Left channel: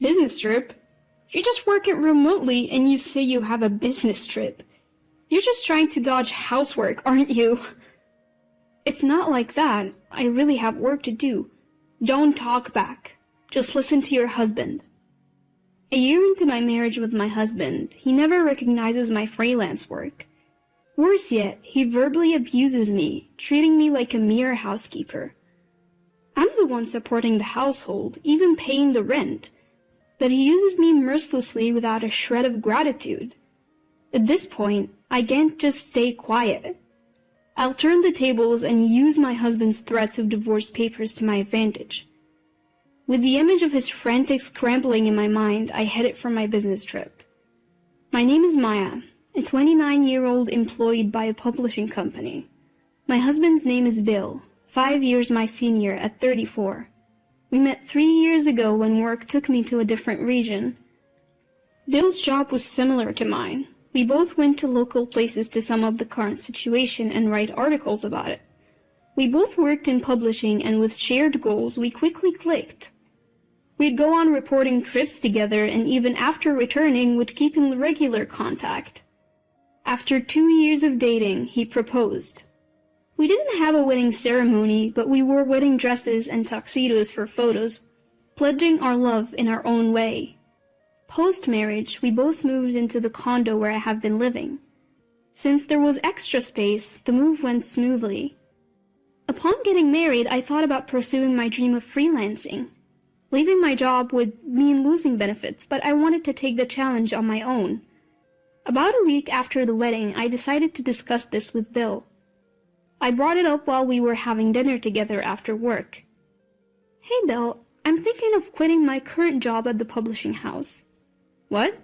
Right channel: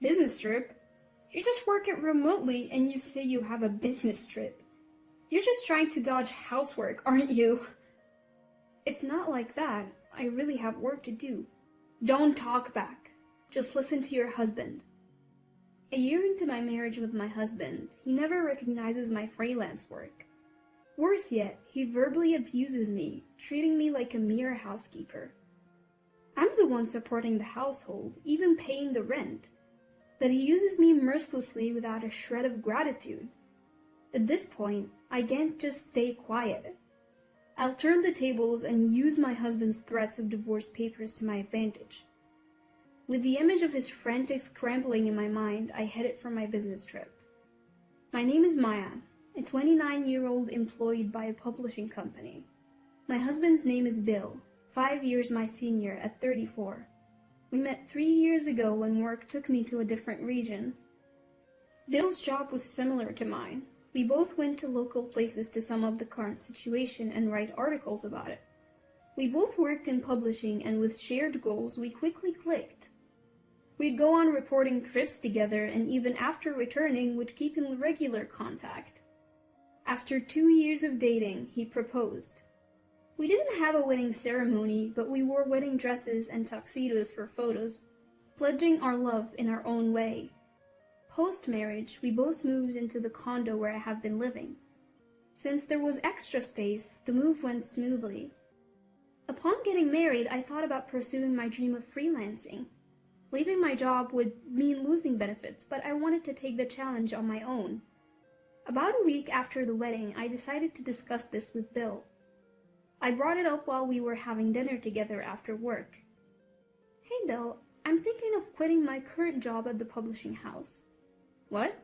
Business trip? You just work it remotely and you say you have a business trip. You're just trying to dodge housework, aren't you? It's not like that. I really have work to do. Don't talk back. Just listen to your husband. A year into my marriage with my husband, he never recognizes my freelance work. Worse yet, he verbally abuses me, treating me like a mere housekeeper. I'm the one supporting the household, even paying the rent, but he uses me mercilessly without a shred of gratitude. At this point, I can't just stay quiet. I'll turn the tables and use my husband's threats of divorce papers to my advantage. With the image of his frantic scrambling in my mind, I headed for my business trip. My name is Maya, a 29-year-old employed by a publishing company. My husband's name is Bill, 5 years my senior at 34. We met 3 years ago when work took me to a different region. Bill's job was similar to mine. We both went to local places to sum up the current situation and write articles about it. We both worked in publishing, and with shared goals, we quickly clicked. We'd go on reporting trips together, and even after returning, would keep in regular contact. After 2 years of dating, he proposed. We didn't have a wedding ceremony, but we wore wedding dresses and tuxedos for photos, pledging our love in our own way. Post-marriage, we both moved into the condo where I have been living. Since there was extra space, the move went smoothly. Upon getting married, I thought about pursuing my dream of freelancing. Leaving my job would mean losing benefits, but I wanted to take the challenge on my own. About a week after the wedding, I decided to discuss this with Bill. I brought it up while we were having dinner together after work. Hey Bill, I'm thinking of quitting my current job at the publishing house. What?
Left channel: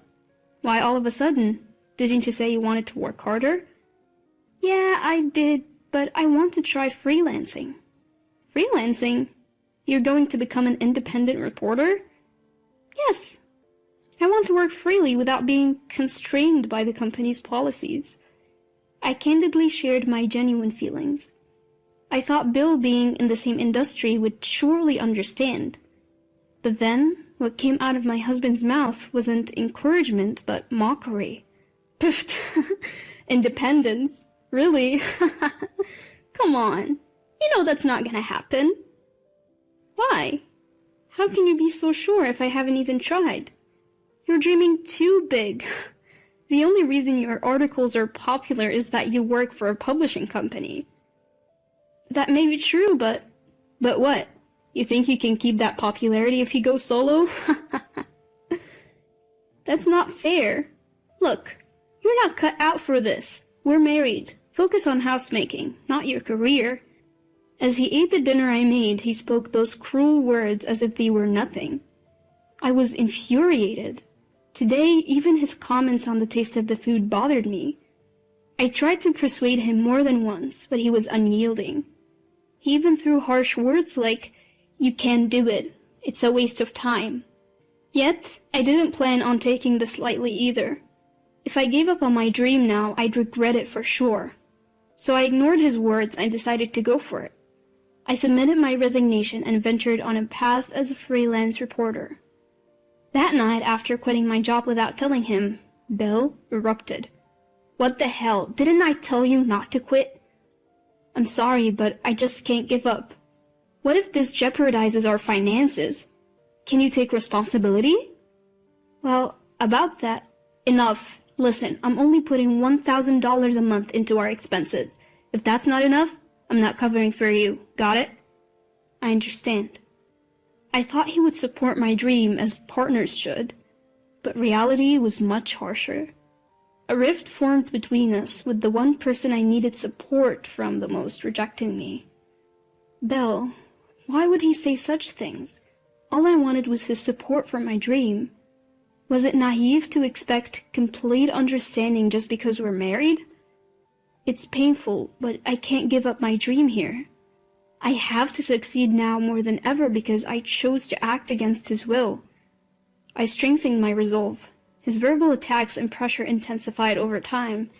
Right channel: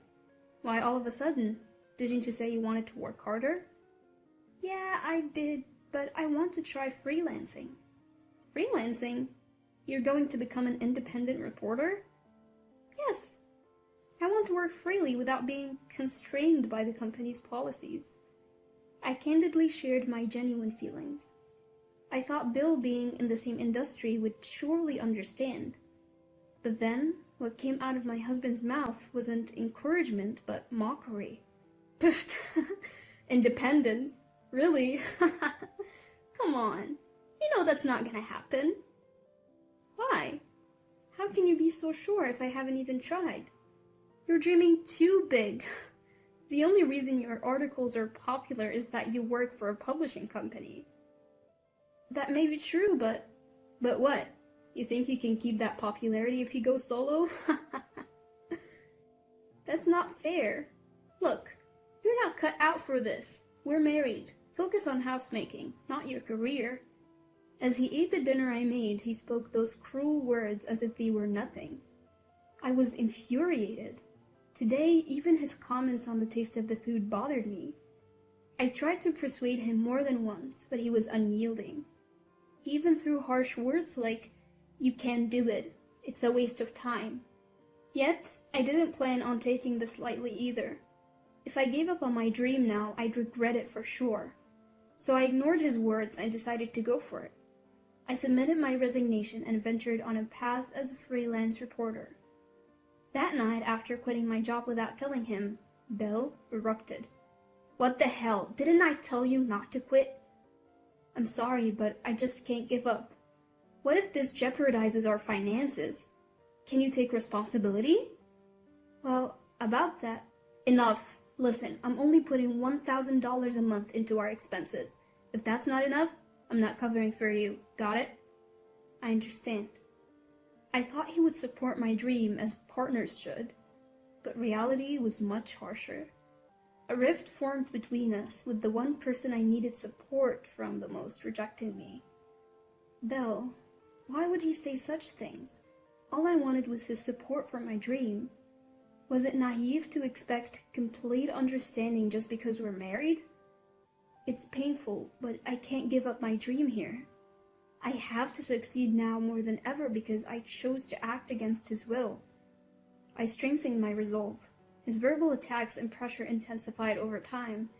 Why all of a sudden? Didn't you say you wanted to work harder? Yeah, I did, but I want to try freelancing. Freelancing? You're going to become an independent reporter? Yes. I want to work freely without being constrained by the company's policies. I candidly shared my genuine feelings. I thought Bill, being in the same industry, would surely understand. But then, what came out of my husband's mouth wasn't encouragement, but mockery. Pfft, independence? Really? Come on. You know that's not gonna happen. Why? How can you be so sure if I haven't even tried? You're dreaming too big. The only reason your articles are popular is that you work for a publishing company. That may be true, but what? You think you can keep that popularity if you go solo? That's not fair. Look, you're not cut out for this. We're married. Focus on housemaking, not your career. As he ate the dinner I made, he spoke those cruel words as if they were nothing. I was infuriated. Today, even his comments on the taste of the food bothered me. I tried to persuade him more than once, but he was unyielding. He even threw harsh words like, "You can't do it. It's a waste of time." Yet, I didn't plan on taking this lightly either. If I gave up on my dream now, I'd regret it for sure. So I ignored his words and decided to go for it. I submitted my resignation and ventured on a path as a freelance reporter. That night, after quitting my job without telling him, Bill erupted. "What the hell? Didn't I tell you not to quit?" "I'm sorry, but I just can't give up. What if this jeopardizes our finances? Can you take responsibility?" "Well, about that, enough. Listen, I'm only putting $1,000 a month into our expenses. If that's not enough, I'm not covering for you. Got it?" "I understand." I thought he would support my dream as partners should, but reality was much harsher. A rift formed between us, with the one person I needed support from the most rejecting me. Bill, why would he say such things? All I wanted was his support for my dream. Was it naive to expect complete understanding just because we're married? It's painful, but I can't give up my dream here. I have to succeed now more than ever because I chose to act against his will. I strengthened my resolve. His verbal attacks and pressure intensified over time.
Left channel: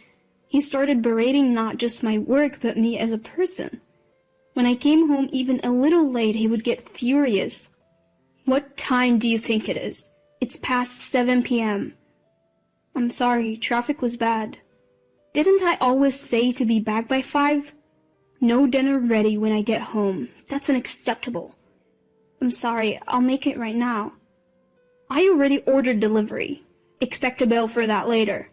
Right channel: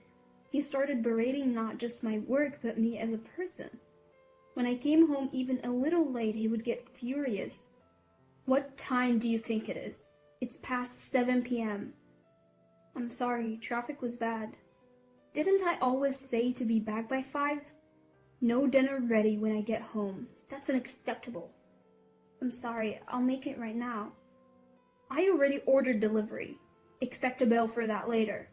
He started berating not just my work, but me as a person. When I came home even a little late, he would get furious. "What time do you think it is? It's past 7 p.m. I'm sorry, traffic was bad. Didn't I always say to be back by 5? No dinner ready when I get home. That's unacceptable. I'm sorry, I'll make it right now. I already ordered delivery. Expect a bill for that later.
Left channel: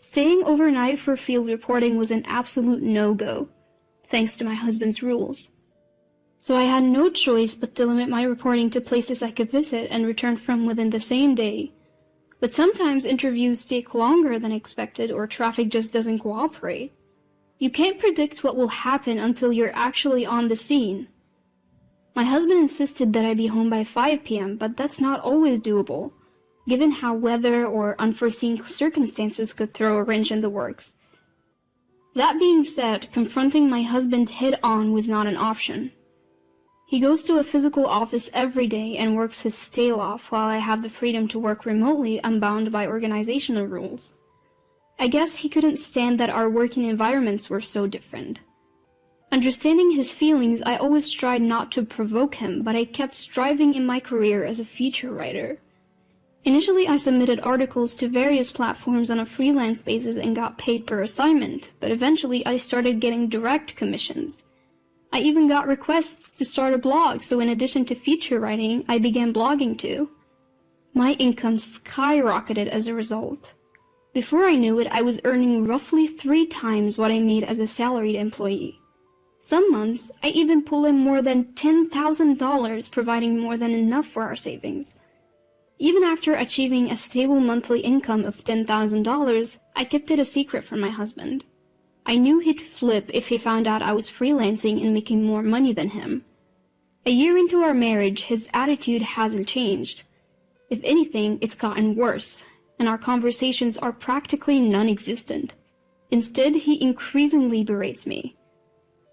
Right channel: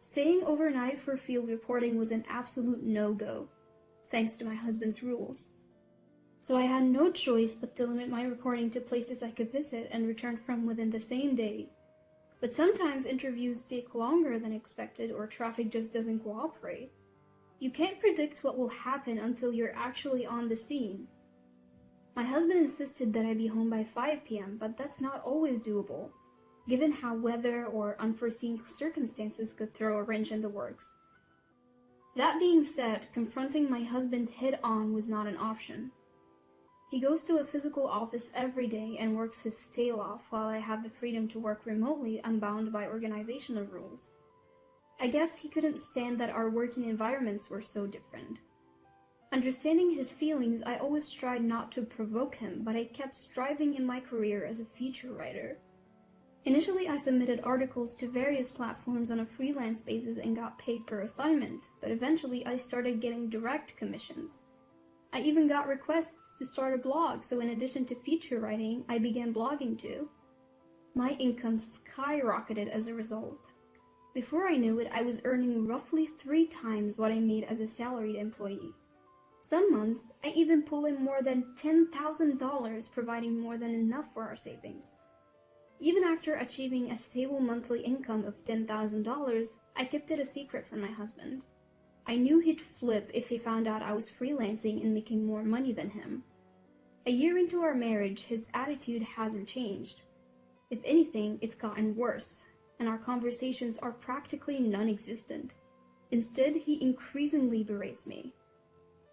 Staying overnight for field reporting was an absolute no-go, thanks to my husband's rules. So I had no choice but to limit my reporting to places I could visit and return from within the same day. But sometimes interviews take longer than expected or traffic just doesn't cooperate. You can't predict what will happen until you're actually on the scene. My husband insisted that I be home by 5 p.m., but that's not always doable, given how weather or unforeseen circumstances could throw a wrench in the works. That being said, confronting my husband head-on was not an option. He goes to a physical office every day and works his tail off while I have the freedom to work remotely unbound by organizational rules. I guess he couldn't stand that our working environments were so different. Understanding his feelings, I always tried not to provoke him, but I kept striving in my career as a feature writer. Initially, I submitted articles to various platforms on a freelance basis and got paid per assignment, but eventually I started getting direct commissions. I even got requests to start a blog, so in addition to feature writing, I began blogging too. My income skyrocketed as a result. Before I knew it, I was earning roughly 3 times what I made as a salaried employee. Some months, I even pulled in more than $10,000, providing more than enough for our savings. Even after achieving a stable monthly income of $10,000, I kept it a secret from my husband. I knew he'd flip if he found out I was freelancing and making more money than him. A year into our marriage, his attitude hasn't changed. If anything, it's gotten worse, and our conversations are practically non-existent. Instead, he increasingly berates me.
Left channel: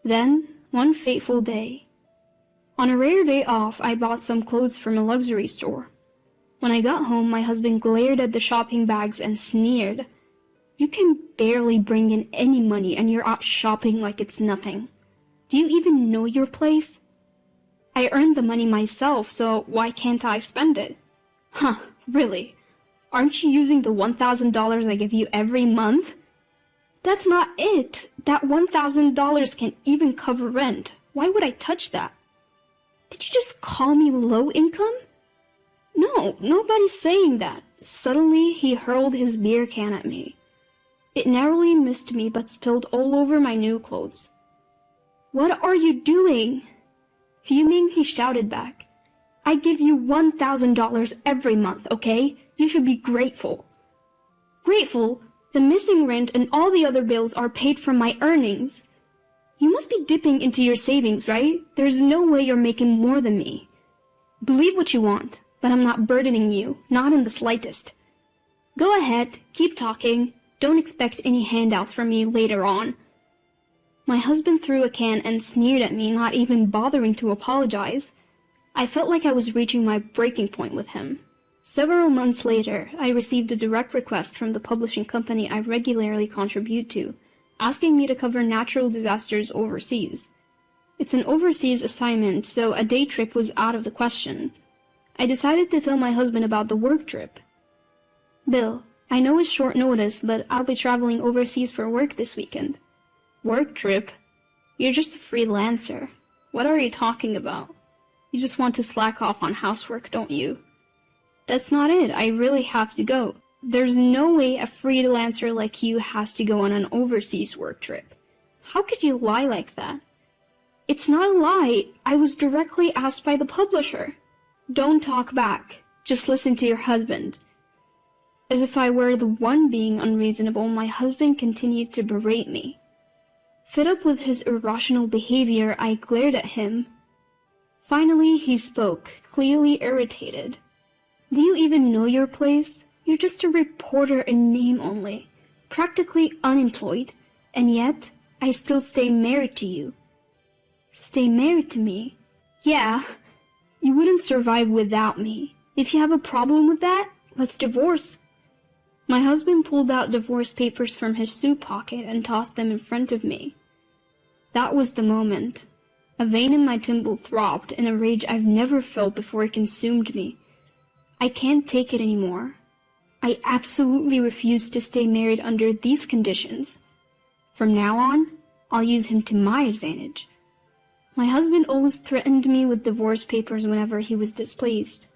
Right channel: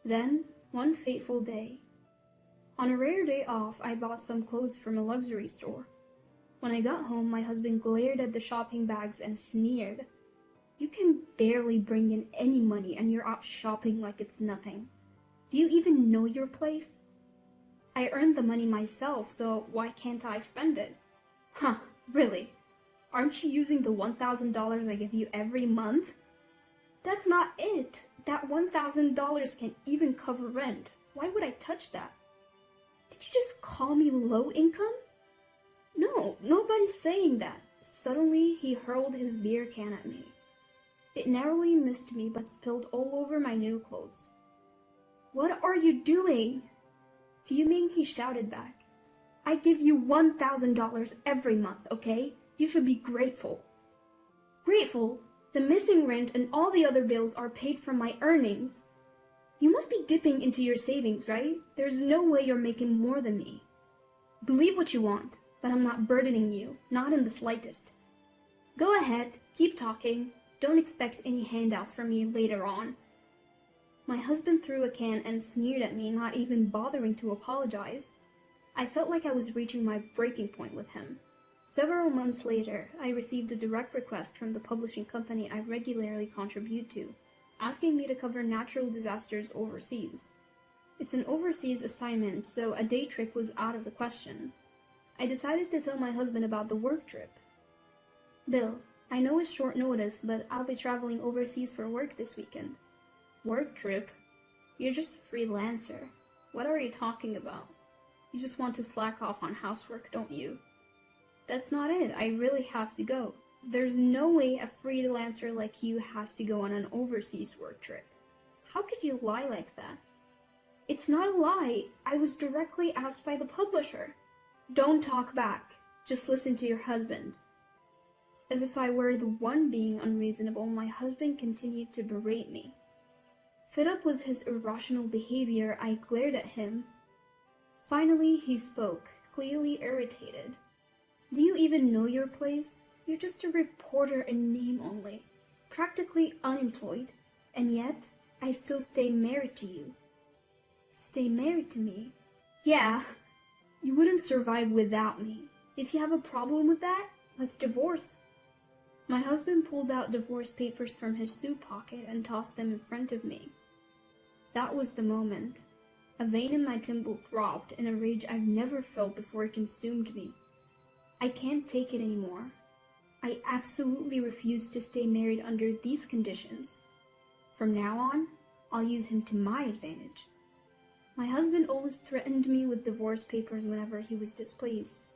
Then, one fateful day. On a rare day off, I bought some clothes from a luxury store. When I got home, my husband glared at the shopping bags and sneered. "You can barely bring in any money and you're out shopping like it's nothing. Do you even know your place?" "I earned the money myself, so why can't I spend it?" "Huh, really? Aren't you using the $1,000 I give you every month?" "That's not it. That $1,000 can't even cover rent. Why would I touch that?" "Did you just call me low income?" "No, nobody's saying that." Suddenly, he hurled his beer can at me. It narrowly missed me but spilled all over my new clothes. "What are you doing?" Fuming, he shouted back. "I give you $1,000 every month, okay? You should be grateful." "Grateful? The missing rent and all the other bills are paid from my earnings. You must be dipping into your savings, right? There's no way you're making more than me. Believe what you want, but I'm not burdening you, not in the slightest. Go ahead, keep talking. Don't expect any handouts from me later on." My husband threw a can and sneered at me, not even bothering to apologize. I felt like I was reaching my breaking point with him. Several months later, I received a direct request from the publishing company I regularly contribute to, asking me to cover natural disasters overseas. It's an overseas assignment, so a day trip was out of the question. I decided to tell my husband about the work trip. "Bill, I know it's short notice, but I'll be traveling overseas for work this weekend." "Work trip? You're just a freelancer. What are you talking about? You just want to slack off on housework, don't you?" "That's not it. I really have to go. There's no way a freelancer like you has to go on an overseas work trip. How could you lie like that?" "It's not a lie. I was directly asked by the publisher." "Don't talk back. Just listen to your husband." As if I were the one being unreasonable, my husband continued to berate me. Fed up with his irrational behavior, I glared at him. Finally, he spoke, clearly irritated. "Do you even know your place? You're just a reporter in name only, practically unemployed, and yet I still stay married to you." "Stay married to me?" "Yeah. You wouldn't survive without me. If you have a problem with that, let's divorce." My husband pulled out divorce papers from his suit pocket and tossed them in front of me. That was the moment. A vein in my temple throbbed, and a rage I've never felt before consumed me. I can't take it anymore. I absolutely refuse to stay married under these conditions. From now on, I'll use him to my advantage. My husband always threatened me with divorce papers whenever he was displeased.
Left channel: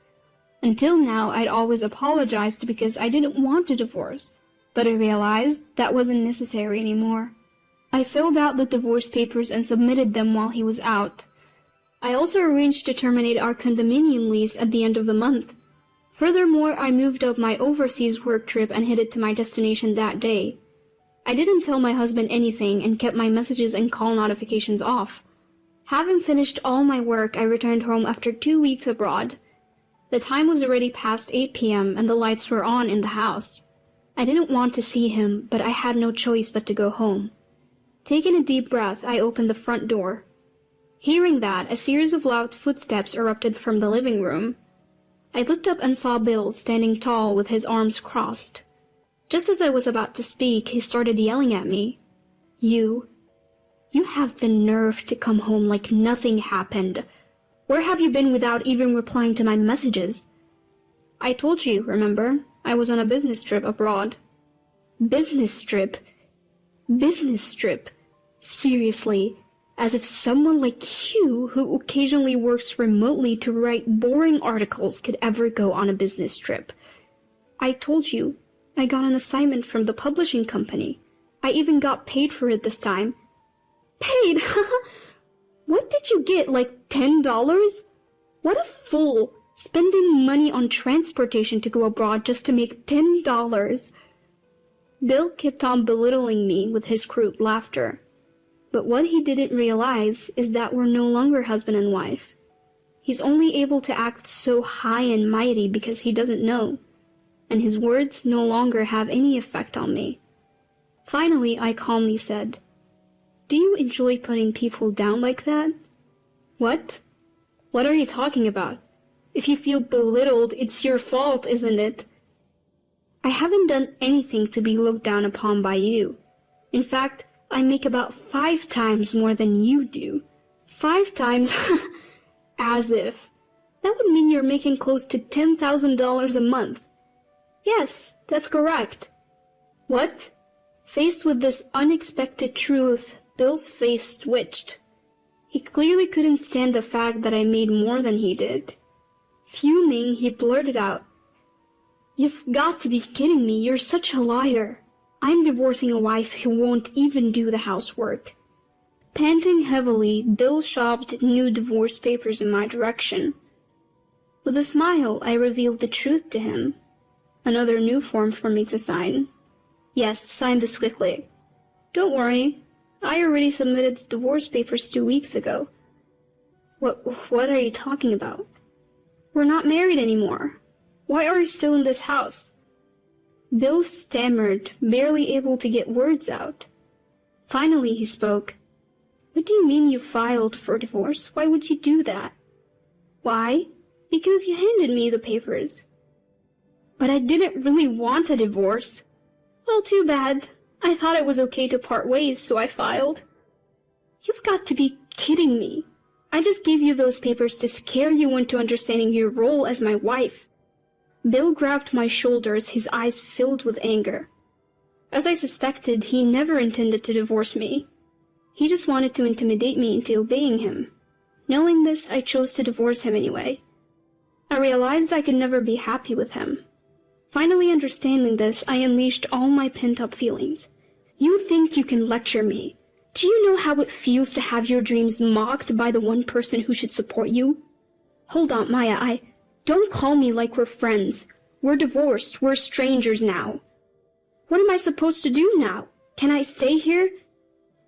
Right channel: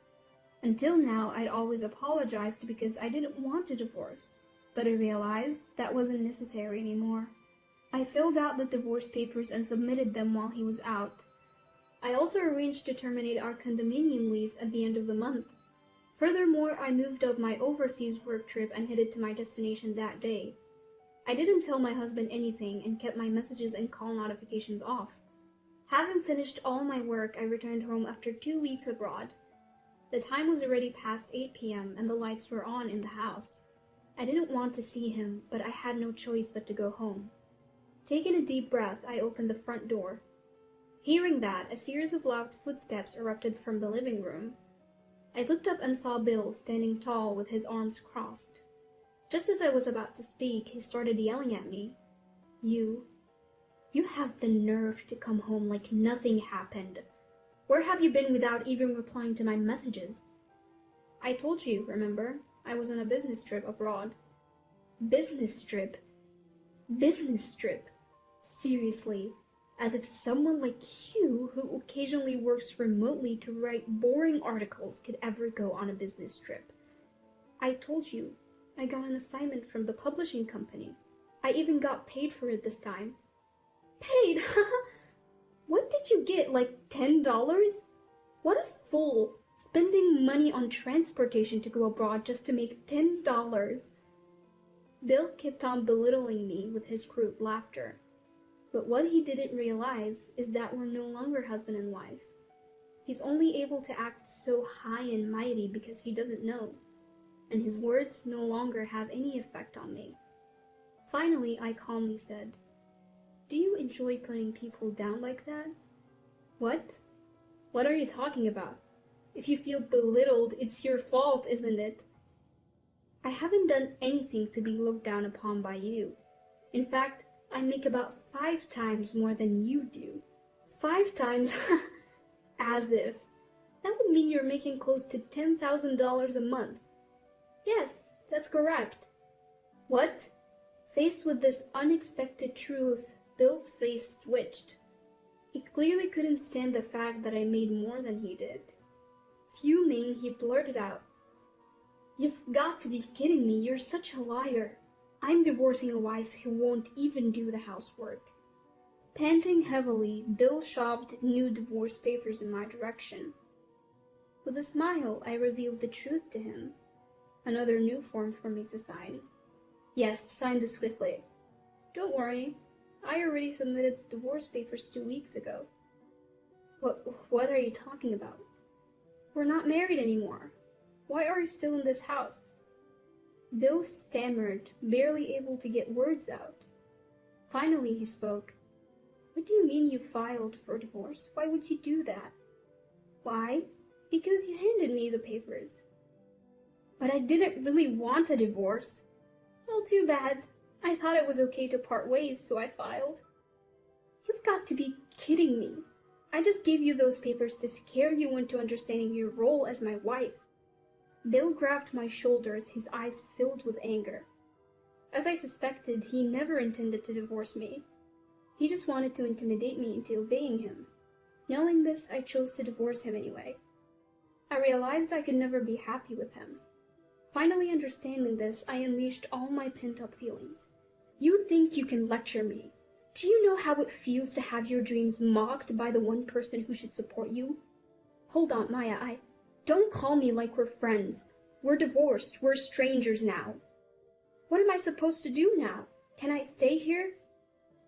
Until now, I'd always apologized because I didn't want a divorce, but I realized that wasn't necessary anymore. I filled out the divorce papers and submitted them while he was out. I also arranged to terminate our condominium lease at the end of the month. Furthermore, I moved up my overseas work trip and headed to my destination that day. I didn't tell my husband anything and kept my messages and call notifications off. Having finished all my work, I returned home after 2 weeks abroad. The time was already past 8 p.m. and the lights were on in the house. I didn't want to see him, but I had no choice but to go home. Taking a deep breath, I opened the front door. Hearing that, a series of loud footsteps erupted from the living room. I looked up and saw Bill standing tall with his arms crossed. Just as I was about to speak, he started yelling at me. You have the nerve to come home like nothing happened. Where have you been without even replying to my messages? I told you, remember? I was on a business trip abroad. Business trip? Business trip? Seriously, as if someone like you, who occasionally works remotely to write boring articles, could ever go on a business trip. I told you, I got an assignment from the publishing company. I even got paid for it this time. Paid? What did you get, like $10? What a fool, spending money on transportation to go abroad just to make $10. Bill kept on belittling me with his crude laughter. But what he didn't realize is that we're no longer husband and wife. He's only able to act so high and mighty because he doesn't know, and his words no longer have any effect on me. Finally, I calmly said, "Do you enjoy putting people down like that?" "What? What are you talking about? If you feel belittled, it's your fault, isn't it?" "I haven't done anything to be looked down upon by you. In fact, I make about 5 times more than you do." 5 times? As if. That would mean you're making close to $10,000 a month. Yes, that's correct. What? Faced with this unexpected truth, Bill's face twitched. He clearly couldn't stand the fact that I made more than he did. Fuming, he blurted out, "You've got to be kidding me, you're such a liar. I'm divorcing a wife who won't even do the housework." Panting heavily, Bill shoved new divorce papers in my direction. With a smile, I revealed the truth to him. Another new form for me to sign. "Yes, sign this quickly." "Don't worry. I already submitted the divorce papers 2 weeks ago." What are you talking about?" "We're not married anymore. Why are you still in this house?" Bill stammered, barely able to get words out. Finally he spoke. "What do you mean you filed for divorce? Why would you do that?" "Why? Because you handed me the papers." "But I didn't really want a divorce." "Well, too bad. I thought it was okay to part ways, so I filed." "You've got to be kidding me. I just gave you those papers to scare you into understanding your role as my wife." Bill grabbed my shoulders, his eyes filled with anger. As I suspected, he never intended to divorce me. He just wanted to intimidate me into obeying him. Knowing this, I chose to divorce him anyway. I realized I could never be happy with him. Finally understanding this, I unleashed all my pent-up feelings. "You think you can lecture me? Do you know how it feels to have your dreams mocked by the one person who should support you? Hold on, Maya, Don't call me like we're friends. We're divorced. We're strangers now." "What am I supposed to do now? Can I stay here?"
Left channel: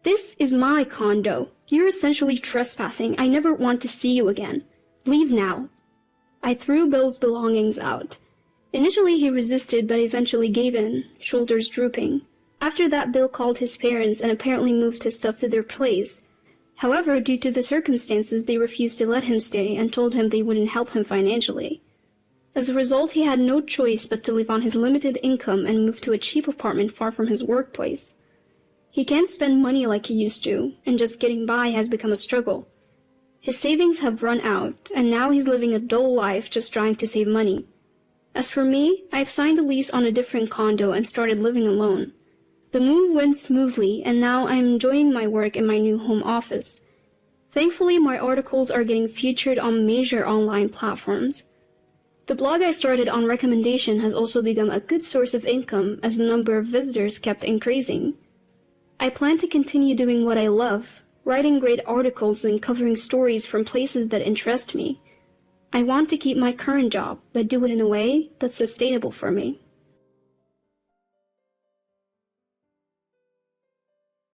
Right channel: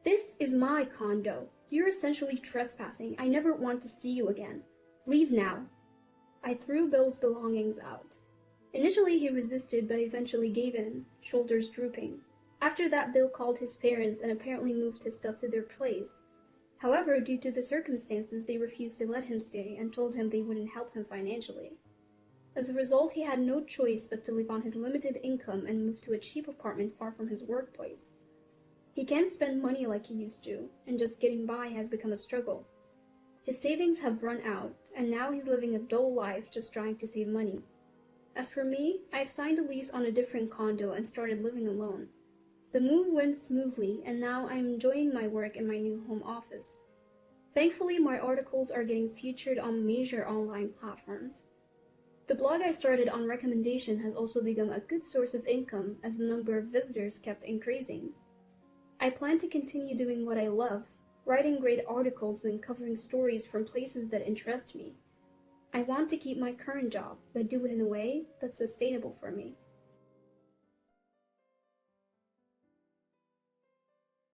"This is my condo. You're essentially trespassing. I never want to see you again. Leave now." I threw Bill's belongings out. Initially he resisted, but eventually gave in, shoulders drooping. After that, Bill called his parents and apparently moved his stuff to their place. However, due to the circumstances, they refused to let him stay and told him they wouldn't help him financially. As a result, he had no choice but to live on his limited income and move to a cheap apartment far from his workplace. He can't spend money like he used to, and just getting by has become a struggle. His savings have run out, and now he's living a dull life just trying to save money. As for me, I've signed a lease on a different condo and started living alone. The move went smoothly, and now I'm enjoying my work in my new home office. Thankfully, my articles are getting featured on major online platforms. The blog I started on recommendation has also become a good source of income as the number of visitors kept increasing. I plan to continue doing what I love, writing great articles and covering stories from places that interest me. I want to keep my current job, but do it in a way that's sustainable for me.